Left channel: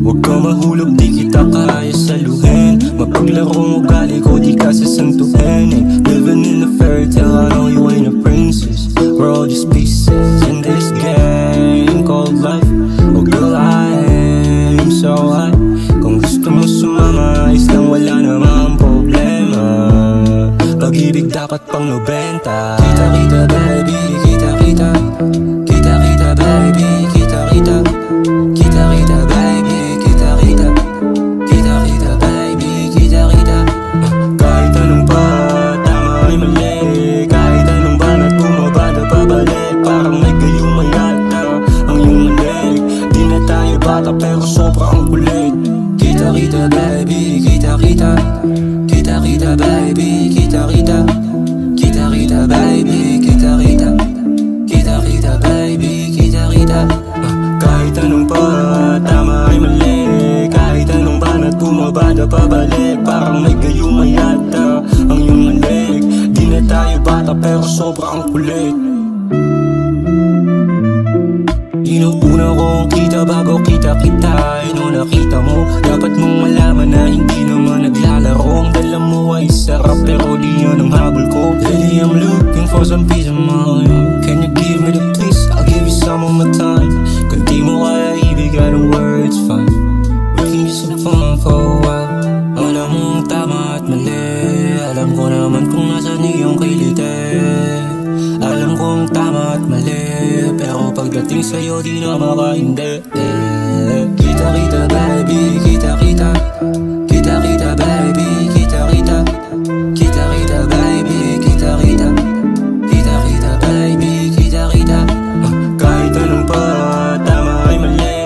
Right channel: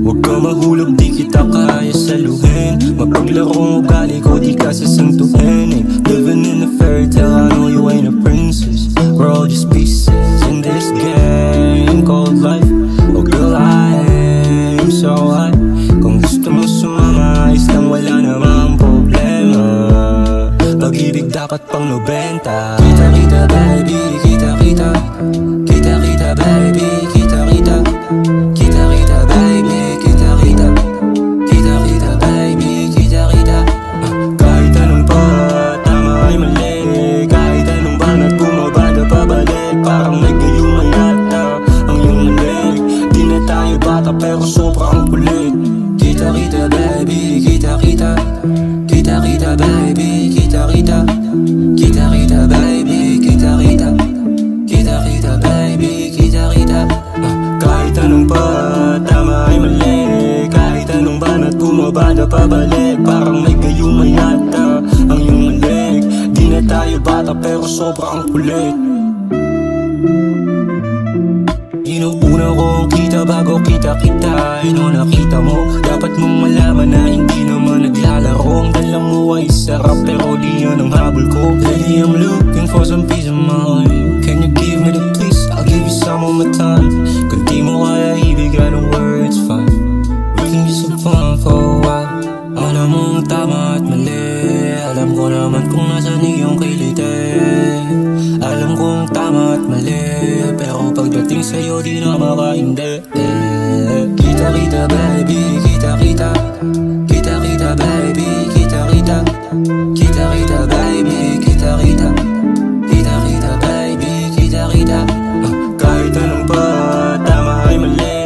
Huwag ka mahulog, di kita kaya saluhin. Mapaglarong ugali ko, di ka sasantuhin. Living in a fairy tale, I know you ain't a princess. We're all just pieces in this game called life. Oh girl, I am so high. Kung gusto mo sumama, ayos lang, wala namang problema. Pag-ibig dapat pang 90. Kita-kita baby, kita-kita. Kita-kita baby, kita-kita. Kita-kita baby, kita-kita. Kita-kita baby, kita-kita. Kahit anong pa, tama ay mali. Kahit anong banat bumabada pabalik. Parang may gayuma yata ang iyong mali. Di na tayo bata pero sobrang kulit. Kita-kita baby, kita-kita. Kita-kita baby, kita-kita. Kita-kita baby, kita-kita. Kita-kita baby, kita-kita. Kahit anong pa, tama ay mali. Kahit anong banat bumabada pabalik. Parang may gayuma yata ang iyong mali. Di na tayo bata pero sobrang kulit. Inuuna ko ang kita bago kita-kita. Ano nakita mo? Dapat mong malaman na hindi naman naglalaro. Ang dala mo ay sarap pero di yan ang habol ko. Lady, I'm looking for some peace of mind. Can you give me the peace? I'll give you some of my time. Kung di mo kaya ibig, I don't worry, it's fine. We can just have fun for a while. Alam mo ang tama at mali. Alam ko naman kung nasan iyong kilite. Alam kong tama at mali, pero pagdating sa'yo di na makainde. Kita-kita baby, kita-kita. Kita-kita baby, kita-kita. Kita-kita baby, kita-kita. Kita-kita baby, kita-kita. Kahit anong pa, tama ay mali.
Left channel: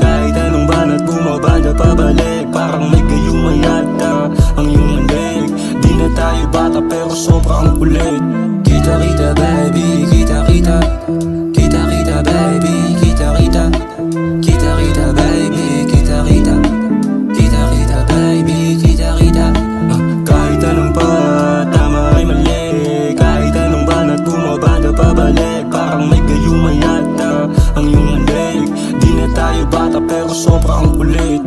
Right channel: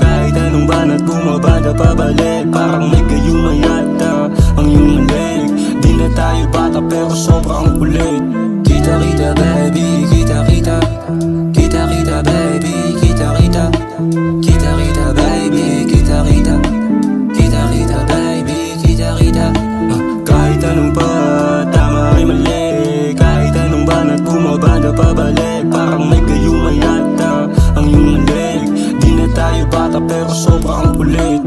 Kahit anong banat bumabada pabalik. Parang may gayuma yata ang iyong mali. Di na tayo bata pero sobrang kulit. Kita-kita baby, kita-kita. Kita-kita baby, kita-kita. Kita-kita baby, kita-kita. Kita-kita baby, kita-kita. Kahit anong pa, tama ay mali. Kahit anong banat bumabada pabalik. Parang may gayuma yata ang iyong mali. Di na tayo bata pero sobrang kulit.